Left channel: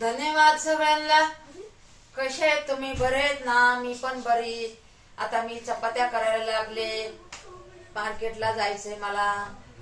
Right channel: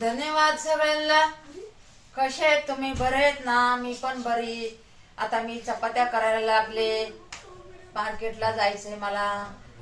धन्यवाद सगळ्यांना. कसे आहेत तुम्ही? बरे आहेत ना? मी पण बरी. आता मी चपात्या करायला लागले. मार्केटला जायचंय मला.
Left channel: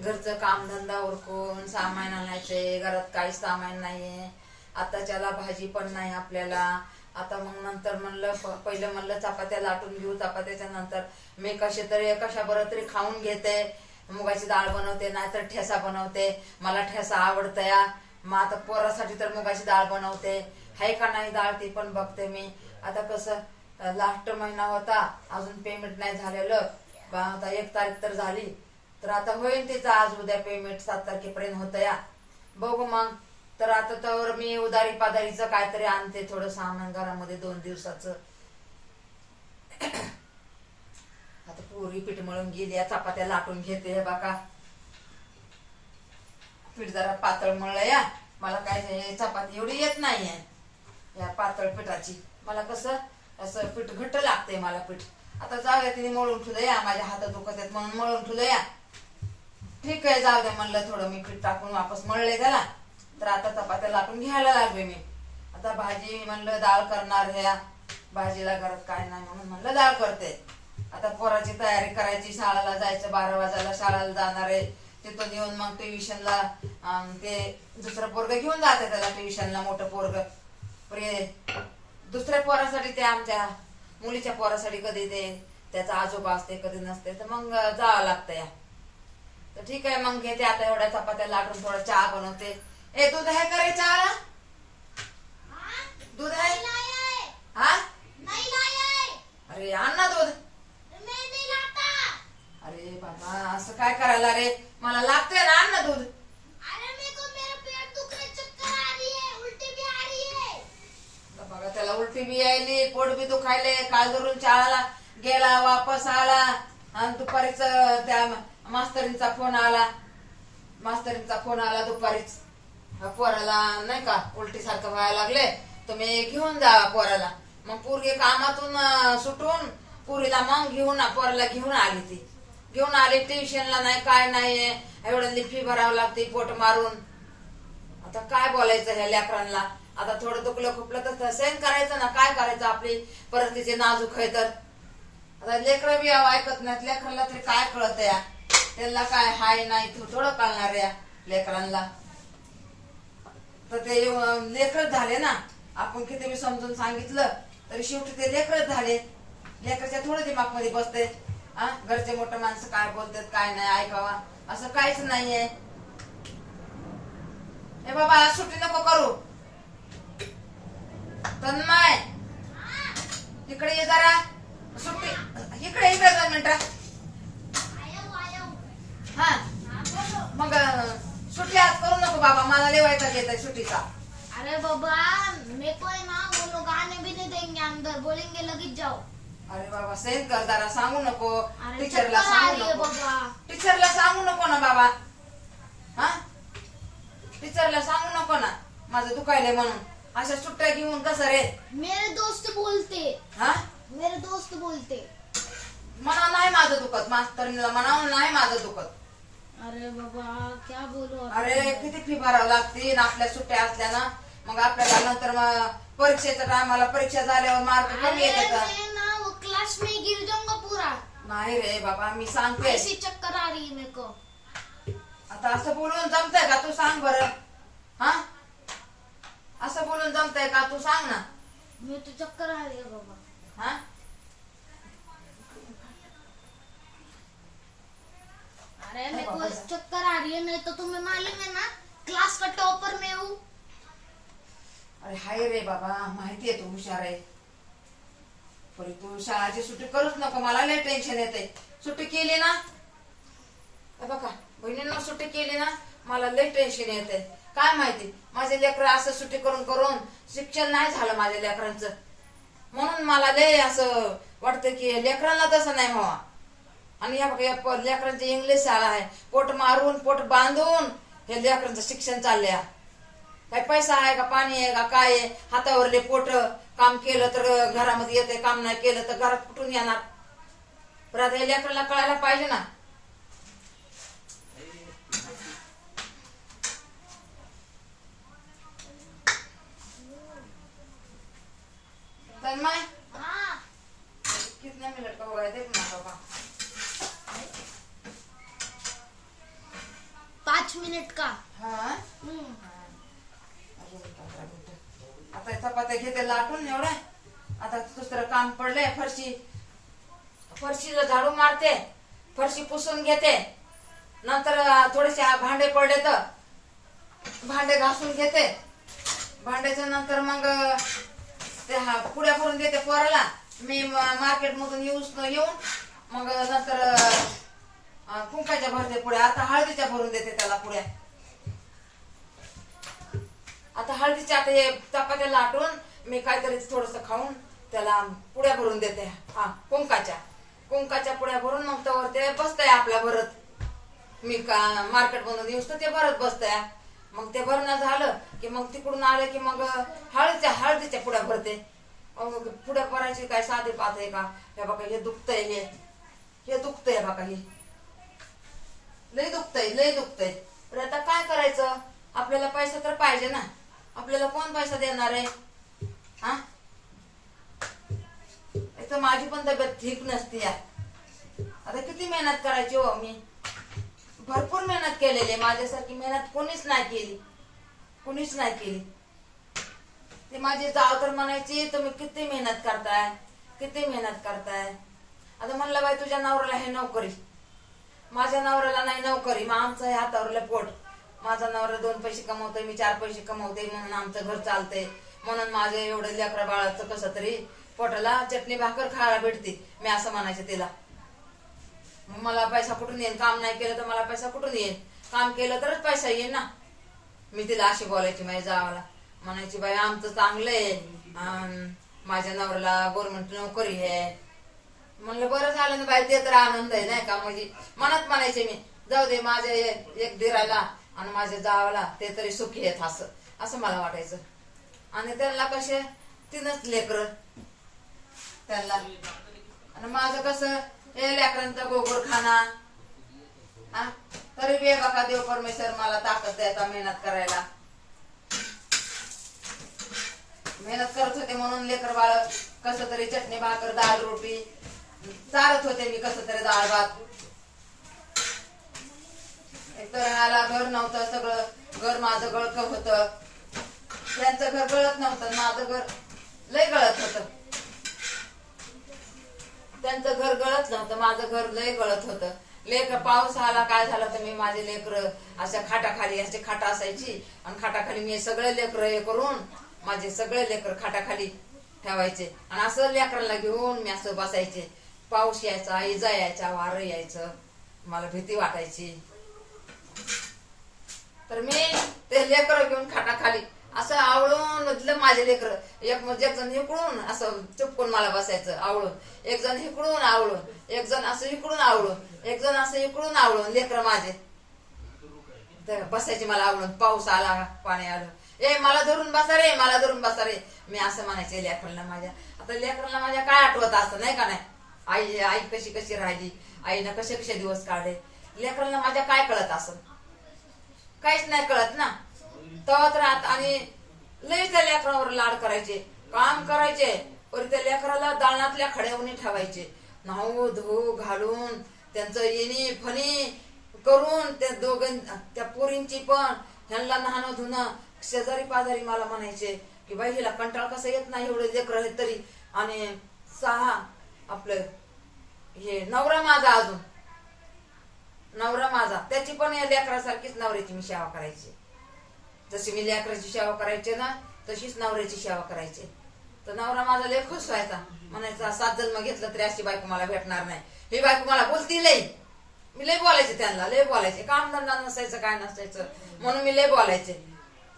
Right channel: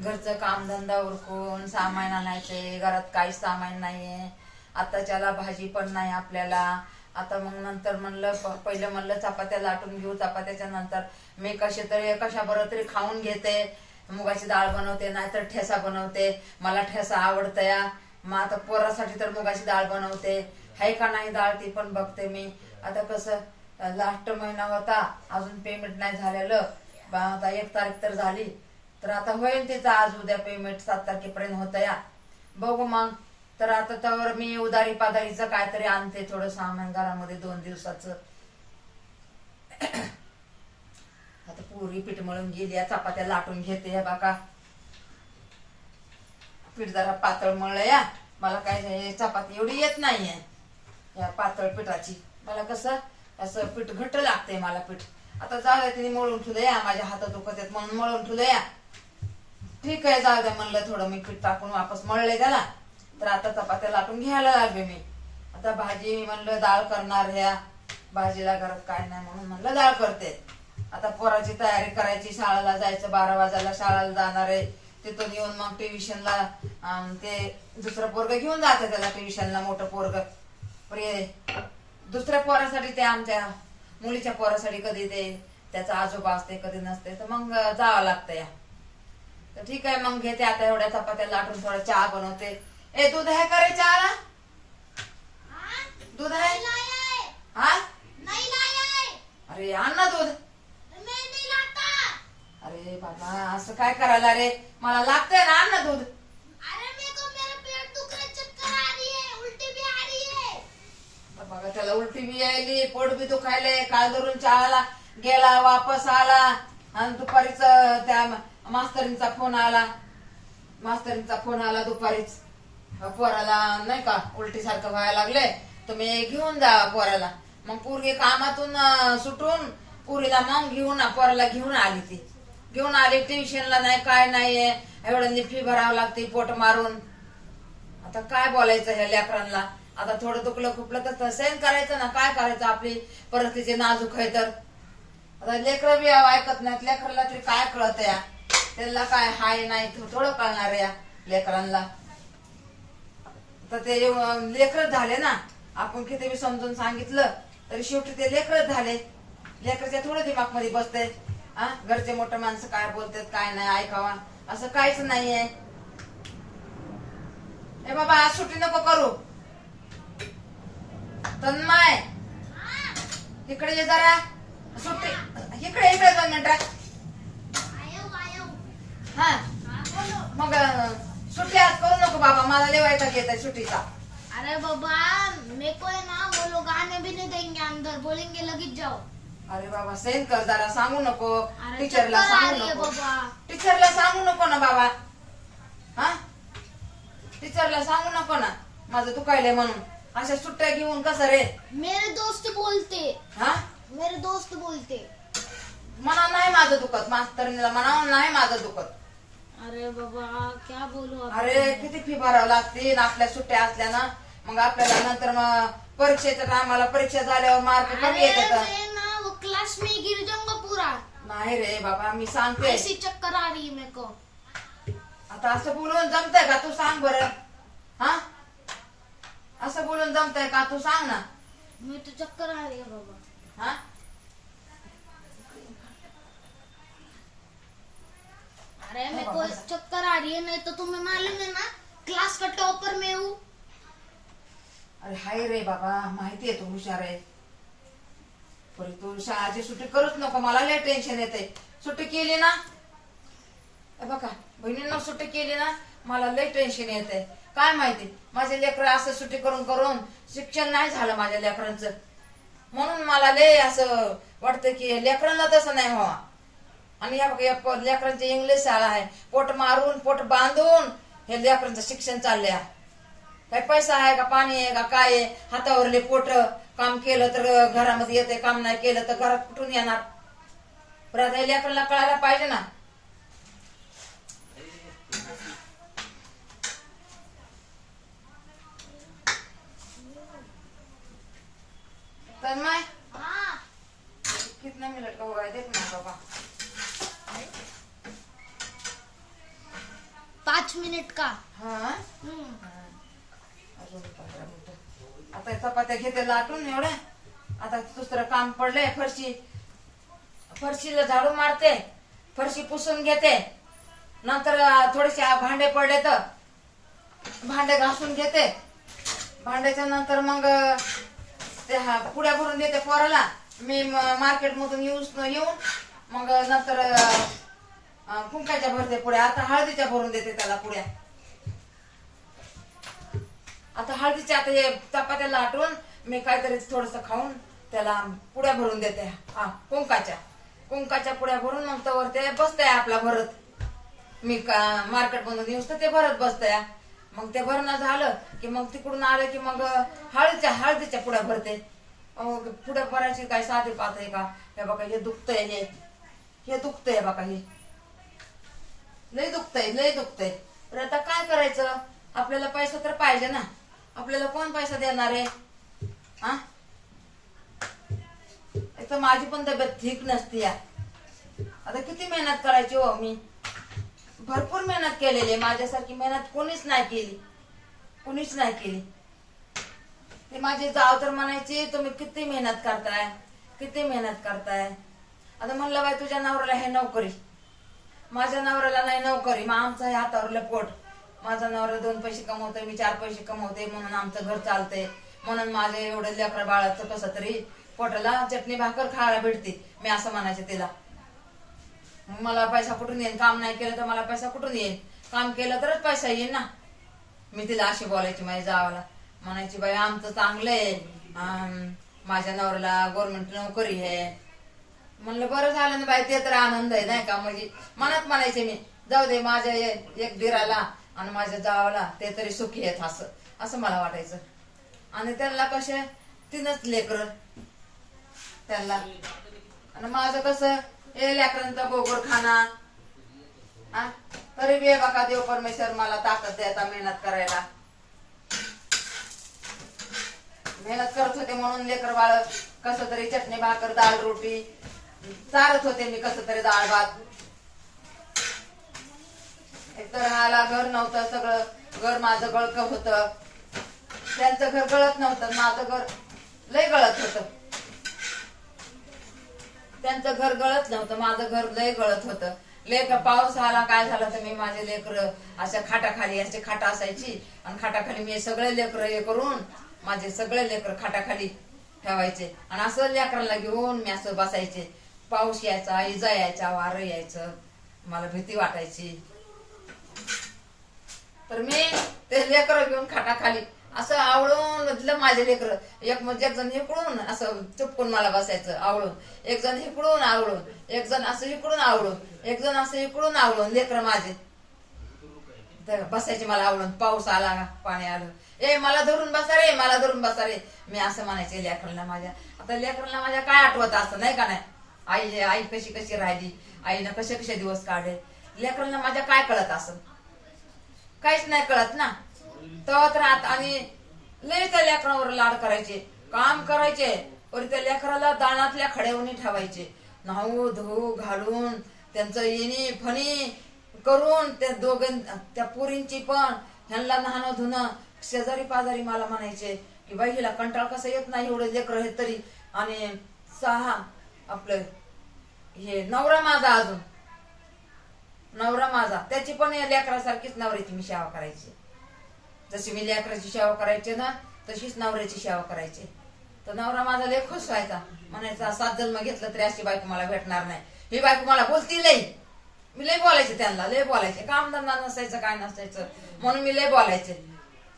घरचं कामधंदा उरकून सामान आणायचंय. घरात काही सामान नाहीये. आताच्याला भाजी पण नाही आपल्याला. आता मग नंतर म्हणलं पहिलं म्हणलं चपात्या लाटून घेऊ. चपात्याच्या नंतर मी कशा बरं तरी खाऊन घेते. मुगाची डाळ बनवते, नाहीतर ठेसा बनवते. मला ठेसा आवडतं या. मग आता पोरासाठी तर मुगाची डाळ बनवते. हाय का नाही डाळ ती पण बघते मी. आता कसं लास्ट महिना होता, अजून पेमेंट नाही झालेलं. आता 1 तारीख तर झाली, तर आता होईल तिचं आज उद्या पेमेंट. 7 तारखेपर्यंत होतं या. बघू मग. तर आता तर मी उदारी पादारीचं काहीतरी आणते, थोडं सामान घरामध्ये 2 दिवसाचं. आता पुरी पीठ मळून गेली, चपात्या लाटून घेते. बघा पीठ जरा पातळ मळलं या. मला काय चपाती एवढी येत नाहीये या पातळ पिठाची. मला कसं असं पीठ घट्ट लागते मला पीठ. आता जाऊ द्या, तिने मळून ठेवलं या. माझ्या हातात दुखत आहेत म्हणून मळून ठेवलं या. ठीक आहे, जाऊ द्या म्हणलं. थोडं मी पीठ टाकून वापस मळले त्याला. तर आता चपात्या लाटून घ्यायला लागले मी. आता भाजी म्हणलं डाळ करणार ह्या. भाजीला घरात काय नाही म्हणून म्हणलं डाळ करते. आता पोराची तयारी करायची. शाळेला जायचं, 12 वाजायला शाळेला जाणार आहे. तिथून येऊन मग ट्युशनला ते दुसरं पोरग घेऊन जाते त्याला ट्युशनला. मोठं पोरग दुसऱ्या पोरासाठी, ते आमच्या मुलीच्या पोरासाठी कधी ते त्याचा आजोबा असते, कधी नसते, तर मग जावं लागतं या. तर ठीक आहे, मग घेते आता एवढ्या चपात्या लाटून. थोडा चहा बनवते. ए दूध आहे का रे चहाला? दूध आहे? हा अरे आण ना दूध. अरे बाबा असं काय करायला रे? मला लागतंय ना, आण ना दूध. बघा त्याला उलटी बी यायली, पोट बी दुखायले. काल धरून चहाला गेला, वापस आला. आणि दुपारीच त्या मास्तरींचा फोन आला दुपारीच. पोराला नाही का उलटी सारखं व्हायला लागले, तुम्ही घेऊन जा पोराला. मग पोरगी कामातून सुटून पुरीला मग पोराला घेऊन आली. ती घेऊन आली ट्युशनला. नाही काय नाहीये, एवढ्यांनी फी भरावं लागते पोट मारून. आता काय बोलायचं ह्या लेकरांना? आता थोडं दुखलं खुपलं तर सहन करायचं ना. काय करायचं, आपली परिस्थिती नाजूक आहे तर. आता लेकरं बी ऐकत नाहीत. लेकराला तरी काय कळत या? त्यांना काय हाय नाही थोडं कळणार या लेकरांना. तर ते लेकरच झाले ना. आपण किती बी समजून सांगितलं तरी शेवटी ते लेकरच झाले. लेकरच्या थोडं दिमाग मध्ये बसते. घरचे मोठे माणसं काय बोलतात काय नाही ऐकावा असं काहीच नाहीये. ए बाबा आज सुट्टी नको करू. तन्मय इकडे ये जरा. सुट्टी इकडे 2 मिनिटं. हा मग सुट्टी आज करू नको बाबा. मला लेवायचा घेत आहे सुट्टीचा. अरे बाबा मेरे को है ना, वो लोग आने भी नहीं देंगे अंदर, बोलेंगे लगीच जाओ. अरे बाबा सेन कर जरा. सांगू नको अरे टीचरला. चक्कर सांगू आली आहे नको बाबा. टीचरला. सांगू नको ना बाबा. टीचरला सांगू नको ना माझं दुखायले म्हणून. अशा सुट्ट्या घेऊन कसं रे? मेरे दोस्त बोलते. मेरे दोस्त बोलते. मनाव नाही माझं दुखत. मास्तरीला म्हणावं नाही माझं दुखत. अरे बाबा क्या बोलू. अरे किती फी भरावं लागते आपल्या सुट्ट्या असल्या ना. मग आपल्याला नंतर मग परीक्षेच्या टायमाला परीक्षा झाल्यावर मार्क कमी येतात. मैं ना वो क्लास में गिर जाऊंगा पूरा. नाही रे बाबा मी सांगते. ऐसी चक्कर आ रही है मेरे को. आता असं बोलून जमतंय का? तू सांग बरं. असं बोलून जमतंय का? तू सांग ना. मुझे तो चक्कर आ रही है बाबा. अरे मेरे को चक्कर आ रही है. नहीं तो तुम्हें मालूम है ना, क्लास का टॉपर मैं हूँ. अरे हाय रे बाबा माहितीये तू हुशार आहे. पण तू शाळेची सुट्टी करूच नको. मला लय टेन्शन येते. सुट्टी केली ना बघा बहिणींना सुट्टी केली ना मला लय टेन्शन येते. काय माहिती माझे लेकर असं सुट्टी करून करून शिक्षण नाही झालं माझ्या लेकरांचं. म्हणून मला लय असं वाटतं की लेकरांना तसं नाही व्हावा. आणि या बघा लेकरांची इंग्लिश शाळा आहे. पोट मारून पोट बांधून हे लेकरांचं शिक्षण चाललंय. काय पैसा आहे का पाणी आहे का काय आहे? हातावरले पोट. काम केलं तर घरामध्ये येते, काम नाही केलं तर घरात कुठून येणार? परत हे लेकरांना कळायला पाहिजे ना. तन्मय हाँ कितना मिनट का हो गया देख ना बाबा 5 मिनिट का हा हम्म. अजून 15 मिनिटं. आता चपात्या घेते लाटून एवढ्या आता दुसरं काम पडलंय फरशीला झाडू मारते फरशी पुसून घेते नंतर थोडेसे भांडे पडले तर भांडे घासून घेते भांड्याच्या नंतर मग ते पुड्या भरून देते पोराला मी मार्केट मधून येऊन मग नंतर कुंकाच्या भरते पुड्या आता हळदीच्या भरून देते त्याला पुड्या आता हळदीच्या आता हे चपात्या लाटून मी काहीतरी थोडस खाऊन त्याला पुड्या भरून देते हा कुंकाच्या पुड्या भरून मग तवर ते बसतंय आपला भरत मी मार्केट मधून येऊस तर ते भरत बसतंय मग ते भरणं झालं की मग तिकडून आलं की मग हळदीच्या पुड्या भरते पुढे भरायची काय साधी पात आहे का हे बघा हे दुखतंय हे दुखतंय बघा हे लय दुखतंय पण आता काय करायचं आपल्याला पैसा तर पाहिजे ना आपल्याला कोण पैसा देणार आहे हा एक तर माझी पण तब्येत ठीक नसती आता किती मेहनत करायची हो मी भरपूर मेहनत केलेली माझ्यासारखी मेहनत कोणीच नाही केली ते माझी जाव तर म्हणायची तुम्ही किती मेहनत करताय आता म्हणलं बाई तुझ्या नवऱ्याला हे नोकरी माझ्या नवऱ्याला नाही नोकरी मग आमचं हे हातावरलं पोट माझा नवरा 2 पैसे कमवतोय मी 4 पैसे कमवते म्हणून आमचं घर चालतंय म्हणून माझं एवढं लेकरा बाळाचं कसं तरी पोटाला चटणी भाकर खायला भेटते मी असं म्हणायचे तिला मला पैसा कुठून येईल काम नाही केलं तर मला पैसा कुठून येईल काम केलं तरच पैसा येईल ना मी तिला अशी बोलायची माझ्या जावाला म्हणायची बाई आमचं चांगलंय माझ्या नवऱ्याला गव्हर्नमेंट नोकरी आहे म्हणलं बरं झालं ना बाई ते तर आनंद आहे नाही का म्हणजे मनात म्हणायचे मी जाऊ दे माझ्या एक दिराला आणि माझ्या जावाला ते तरी सुखी आहेत असं मला वाटायचं आणि त्यांना कसे 3च लेकर त्यांना आणि माझं कसं हे लेकरांचा गोबर खाना तरी बी बघा देव परमेश्वर मला ताकद द्यायचा मेहनत करायला मेहनत करत होते म्हणून लेकर बाळ कसं तरी चटणी भाकर डाळ रोटी चारत होते मी कसं तरी डाळ भात एकतर राहायला घर नव्हतं सगळं घर माझं गळक होतं त्यांचं घर गळत नव्हतं माझं घर लय गळत होतं त्यांचं घर गळत नव्हतं माझं घर लय गळत होतं लेकर पाऊस आला काय झालं तर मी माझे लेकर अशा खाटाखाली असे खाटा असायची आणि खाटाखाली मी सगळे लेकर हे करून माझे सगळे लेकर खाटाखाली ठेवायचे आणि असं लेकराला घेऊन मी असं बसायचे पाऊस यायचा इजा यायचा वारं यायचं मला भीती वाटायची तर मी ते लेकर घेऊन खाटाखाली असं आवळून म्हटलं माझे लेकर एक जण इकडून असं चुपकून मला बसायचं आवळून एक जण इकडून आवळून एक जण असं इकडून आवळून एक जण असं इकडून आवळून लेकर माझे तर बसायचे मला आवळून पाऊस आला पाणी आलं मला धरून बसा रे मी असं म्हणायचे लेकरांना माझ्या आता लेकरांना माझ्या काय आठवत असं नाही का नाही आई कशी राहिली आईनं कसे दिवस काढले लेकरांना माझ्या काय कळत असं काहीच नाही कळत ना तर आणि लय त्या लेकरांवर लाड करायचे काम करायचे पण त्या लेकराला दाणातल्या खड्यावणी ठेवायचे न्हाऊ धू घालून त्यांचं येणी फणी करून त्या पोरींची पण ह्यांना न्हाणं धुणं शेजारी पाजारी मला म्हणायचे की बाई हिला कंटाळ कसं येत नाही एवढे लेकर आहेत तरी आणि 6 आपलं हे नवरा माझा त्याची पण लेकरासारखीच नवऱ्याची मी सेवा करायची जशी मी लेकराची सेवा करायची ना तशीच नवऱ्याची सेवा करायची तर नवरा माझा लय खुश व्हायचा म्हणायचा 7 जन्म घेतलं तरी अशी बायको मला भेटणार नाही ही बायको मला बोलती लय मी लय बोलायचे त्यांना लय बोलायचे काम धंदा नसायचं काय नसायचं म्हणून मी लय बोलायचे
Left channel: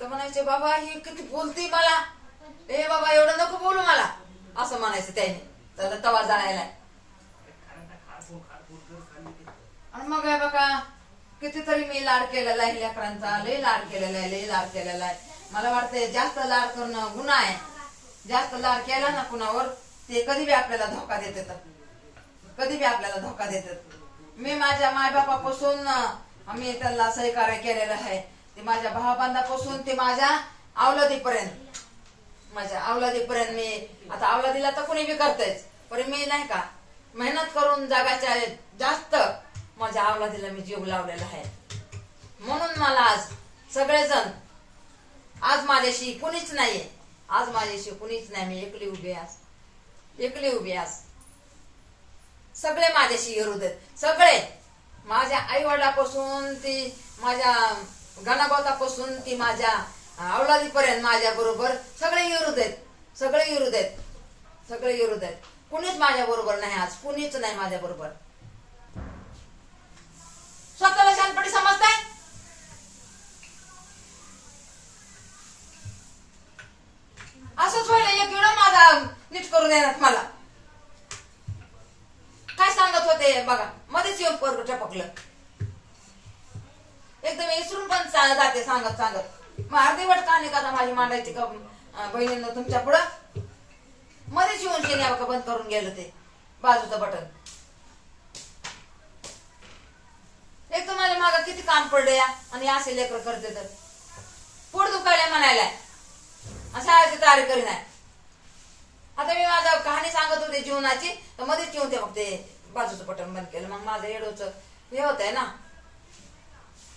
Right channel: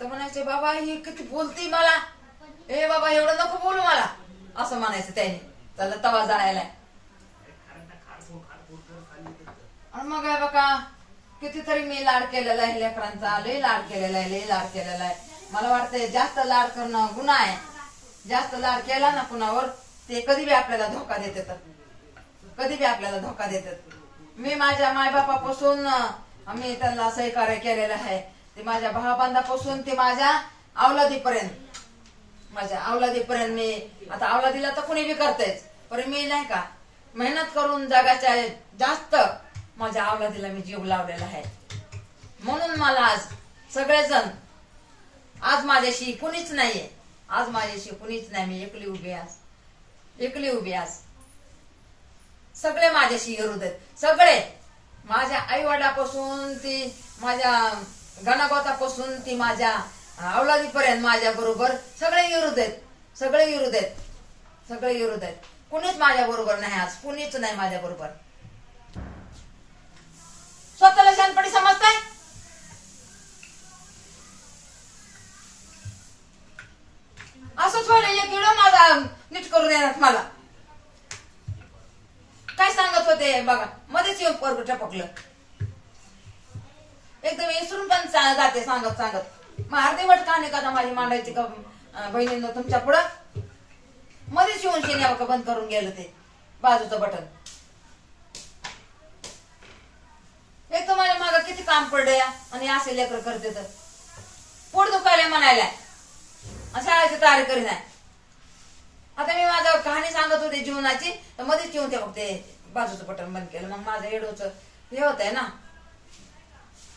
तर म्हणायचे बाबा ही किती बोलती मला बाबा एवढं नको बोलू मला असं म्हणायचं त्याने त्याला तवा जाळायला आणि मग बघा कितीतरी मी लाड केलेला आहे लेकरांचा लय लाड केलेला आहे मला वाटतंय जास्त लाड करणं गुन्हा आहे जास्त लाड केला ना कुणावर ते कधी बी आपल्याला धोका देतात मी माझ्या मायबापापासून मी त्यांना सहकार्य केलेलं आहे ते माझ्या भावाबंधापासून ते माझ्या अवलादीपर्यंत माझ्या अवलादीपर्यंत मी आता अवलादीला तर कोणी बी करतायच, पण मी नाही का मेहनत करून जगाच्या जास्त माझ्या अवलादीला मी जीव लावलेला आहे. म्हणून मला आज सगळेजण, आज माझ्याशी कुणीच नाहीये, आज माझ्याशी कुणीच नाही, मी एकली उभी आज, एकली उभी आज. सगळे माझ्याशी विरोध आहेत, सगळे माझ्या आई वडिलापासून ती माझ्या गणागोतापासून ती माझ्या अवलादीपर्यंत माझ्या बरोबर सगळे विरोध आहेत, सगळे विरोध आहेत, सगळे विरोध आहेत. कुणीच माझ्या बरोबर नाही आज, कुणीच नाही माझ्या बरोबर. स्वतःला शांतपणे समजताय? असंच व्हायला एक वेळ माझा नीट करून येणार मला. काय सांगत होते बघा, मध्येच येऊन पोरग टपकलं. एकदम विसरून पण जाते सांगत सांगत. मग अर्धीवट कहाणी कथा माझी मांडायची का बहिणींना तुमच्या पुढं? मध्येच येऊन शेणी बघा बंद करून गेलं ते बाजूचं बटन. एक तर माझ्या मागं किती काम पडलं या, आणि असे लेकर करते तर पोट दुखायला म्हणायला शाळेची तयारी करी नाही. आता मी माझं कहाणी सांगत होते जीवनाची, तर मध्येच येऊन ते बघ ते बाजूचं बटन बंद केलं. मग माझं एडोच हे होत आहे ना,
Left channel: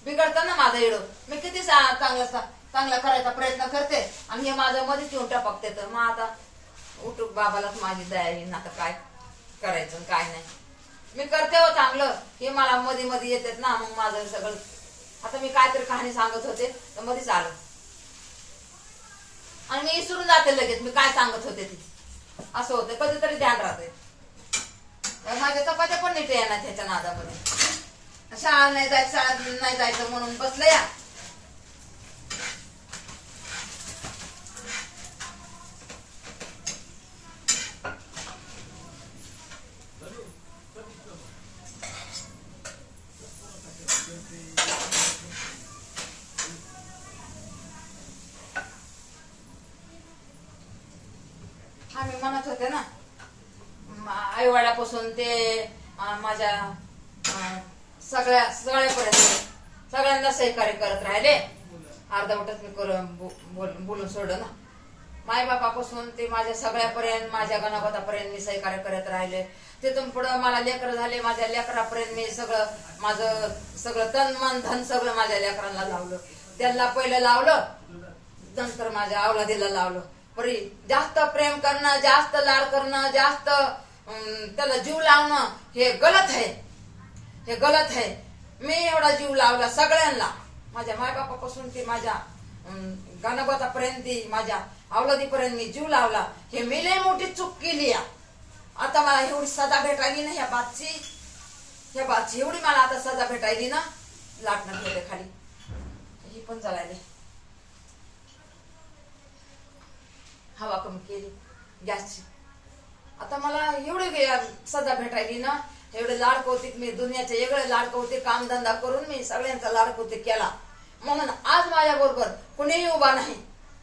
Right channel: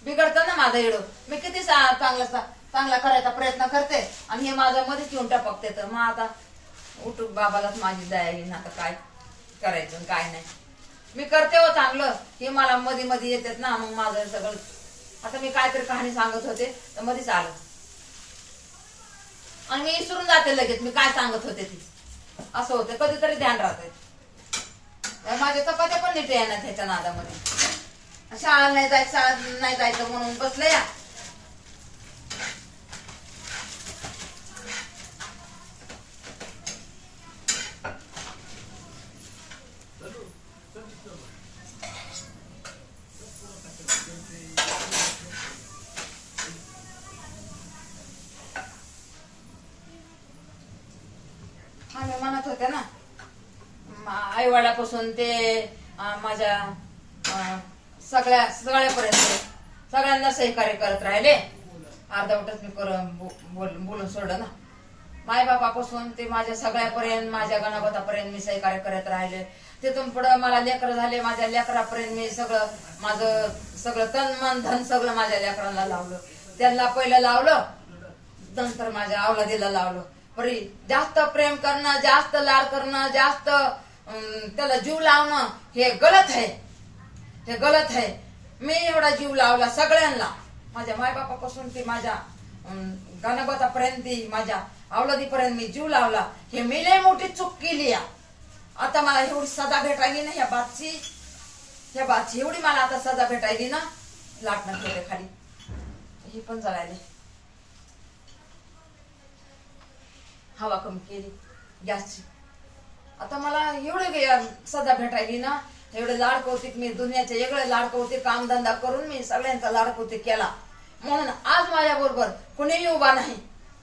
बिघडतं ना माझं एडो. मी किती चांगला करायचा प्रयत्न करते आणि हे माझं मध्येच येऊन टपकते. तर मग आता उठूक बाबालाच माझी दया येईन, आता काय करायचं काय नाही. मी करते हो चांगलं, हे मला मध्ये मध्ये येतात ना, मग माझं सगळं. आता मी काहीतरी कहाणी सांगत होते तर मध्येच आलं आणि मी विसरून जाते लगेच मी काय सांगत होते ती. असं होतं, कधीतरी ध्यान राहतंय. माझ्या चपात्या पण नीट येणार त्याच्या नादामध्ये. शाळा नाही जायचं, शाळा नाही जायचं म्हणून बसले या. हा मी म्हणत होते ना, आई वडिलापासून ते माझ्या सगळ्यापर्यंत सगळ्यांना सहकार्य करत राहिले. अर्धवटच मी बोलून सोडलं ना. मायबापापासून ते माझ्या सगळ्यापर्यंत, माझ्या गणगोतापर्यंत मी सहकार्य करत राहिले. तिथून पुढं मला लेकर झाले, माझ्या लेकरापर्यंत मी सगळं माझं सगळं तन मन धन सगळं माझ्या लेकरांना लावलं. त्यांना पहिलं लावलं, नंतर माझ्या अवलादीला लावलं. परी जास्त प्रेम करणं, जास्त लाड करणं, जास्त त्याला जीव लावणं हे गलत आहे, हे गलत आहे. मी एवढा जीव लावला सगळ्यांना, माझ्या मायबापापासून ते माझ्या गणगोतापर्यंत, माझ्या अवलादीपर्यंत मी जीव लावला. हे मी लय मोठी चूक केली. आता मला एवढी सजा भेटायली ना ह्या बातची एवढी मला आता सजा भेटायली ना. लाटणं ठेवले खाली, ही पण जळाली. हवा कमी केली गॅसची. आता मला एवढे सजा भेटायली ना, एवढे लाड कौतिक मी दुनियाचे वेगळे लाड कौतिक कामधंदा करून मी सगळ्यांचा लाड कौतिक केला. म्हणून आज माझ्या बरोबर कुणीही उभा नाही,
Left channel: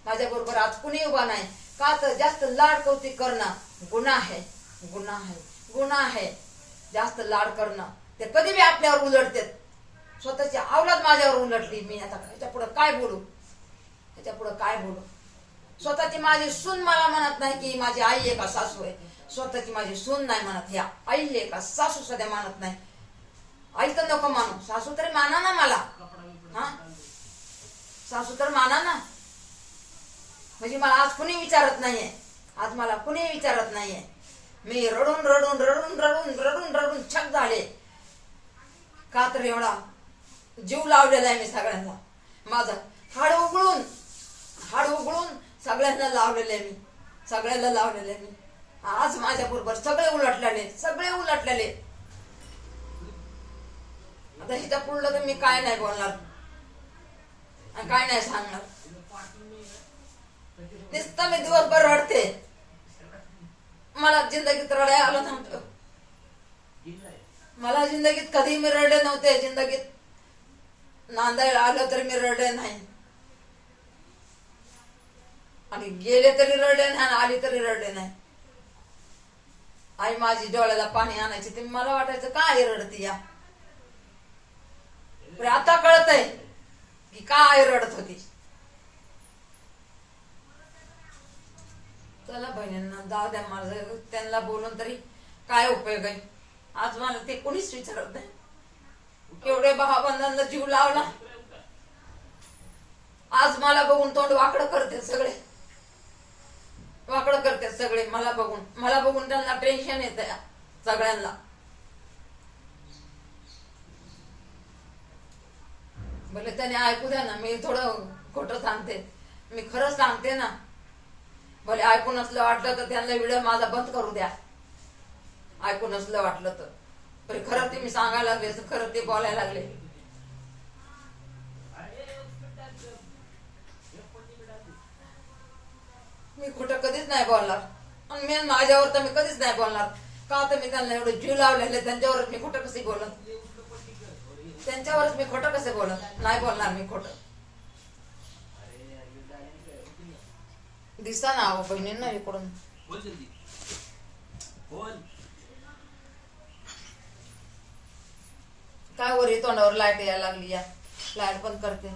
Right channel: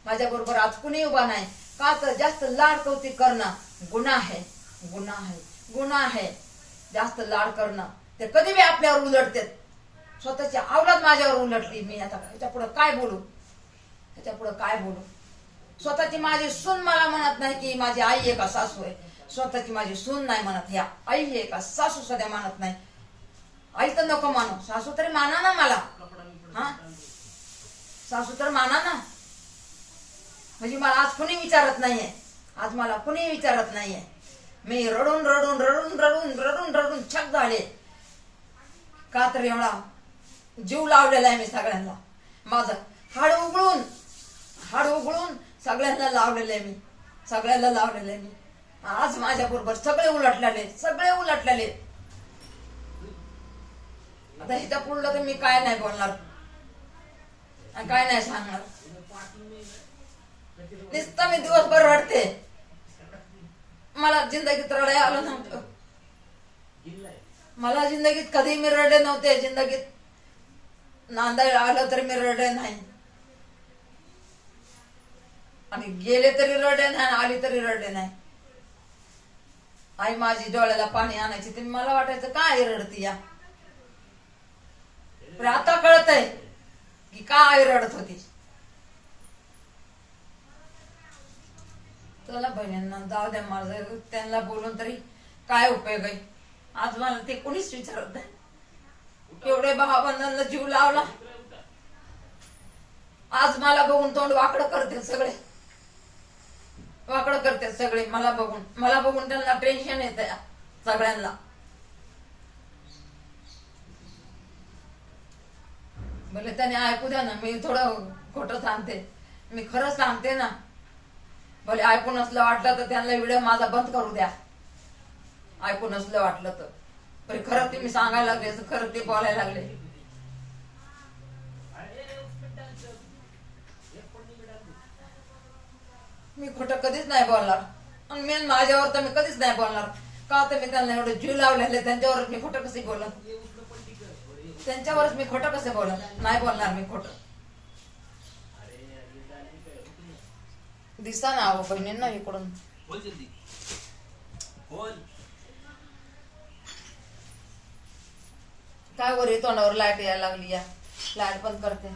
माझ्या बरोबर आज कुणी उभा नाही. का तर जास्त लाड कौतिक करणं गुन्हा आहे, गुन्हा आहे, गुन्हा आहे. जास्त लाड करणं ते कधी बी आपल्यावर उलटतात. स्वतःची अवलाद माझ्यावर उलटली. मी आता ह्याच्या पुढे काय बोलू, ह्याच्या पुढे काय बोलू. स्वतःची माझी सून मला म्हणत नाही की माझी आई आहे का सासू आहे. स्वतःची माझी सून नाही म्हणत, या आई आहे का सासू सध्या मानत नाही. आई तर नको मानू, सासू तरी माना ना मला. हा, सासू तर माना ना. म्हणजे मला आज कुणी विचारत नाहीये, आज मला कुणी विचारत नाहीये. मी रडून रडून रडून रडून रडून रडून छक झाले. का तर एवढा जीव लावलेला आहे मी सगळ्यांना. माझं हाड उघडून सगळ्यांना लावलेले मी, सगळ्यांना लावलेले मी. आज माझ्या बरोबर सगळे उलटलेले, सगळे उलटलेले. आता ह्याच्या पुढलं तर मी काय नाही बोलणार, काय नाही सांगणार. नुसतं मी दिवसभर रडते. मला जिंदगीत रडाय आलं नव्हतं. मला जिंदगीत कधी मी रडले नव्हते. जिंदगीत नांदायला आलं तरी मी रडले नाही, आणि गेले तरी रडले नाही, आली तरी रडले नाही. आई माझी डोळ्याला पाणी आणायची, ते मला वाटायचं काय रडती या. आता कळतंय की काय रडत होती. चला बहिणींना जाऊ द्या, माझं त्यांना बोलून तरी काय उपयोग आहे. आज मला ते कोणीच विचारत नाही. एवढे भावबंधांना जीव लावला, आज मला बघून तोंड वाकडं करते सगळे, वाकडं करते सगळे. मला बघून त्यांना टेन्शन येत सगळ्यांना. भले त्याने ऐकू द्या ना, मी थोडं खोटं सांगते, मी खरंच सांगते ना. भले ऐकू नसलं वाटलं तर त्यांना व्हिडिओ माझा बंद करू द्या, ऐकू नसलं वाटलं तर. पण खरं ते मी सांगायला लागले, खरं ते बोलायला लागले. मी खोटं कधीच नाही बोलणार, आणि मेन माझ्यावर तर मी कधीच नाही बोलणार. का तर मी त्यांना एवढे जीव लावलेले, त्यांच्यावरच मी खोटं कसे बोलत, त्यांच्यावरच मी खोटं कसे बोलत. नाही बोलणार मी खोटं. दिसा ना अहो बहिणींना इकडून. काय वर तोंडावर लाईट यायला लागली, या लाईट बंद करते.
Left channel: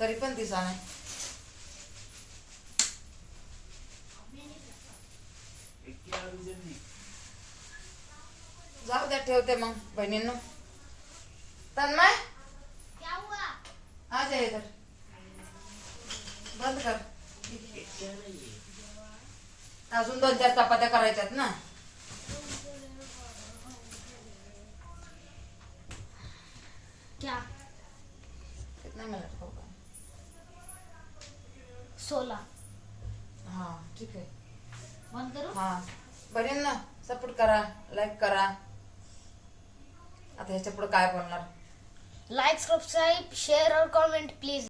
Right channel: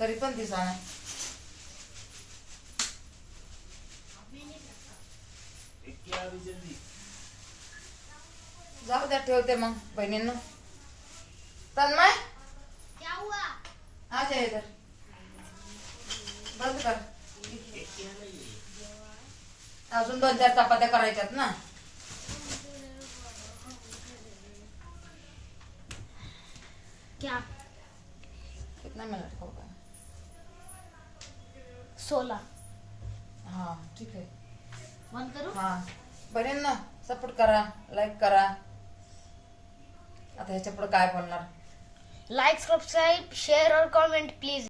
तरी पण दिसा नाही. जाऊ द्या, ठेवते मग बहिणींनो. तन्मय क्या हुआ? आ जा इधर, बंद कर. अजून 2-4 चपात्या करायच्यात ना. क्या? कितना मिनट होगा? 16. हाँ ठीक है. बंद करू? हाँ बहिणींना सपोर्ट करा, लाईक करा. आता ह्याच्या पुढे काय बोलणार. लाइक, सब्सक्राइब, शेयर और कमेंट प्लीज.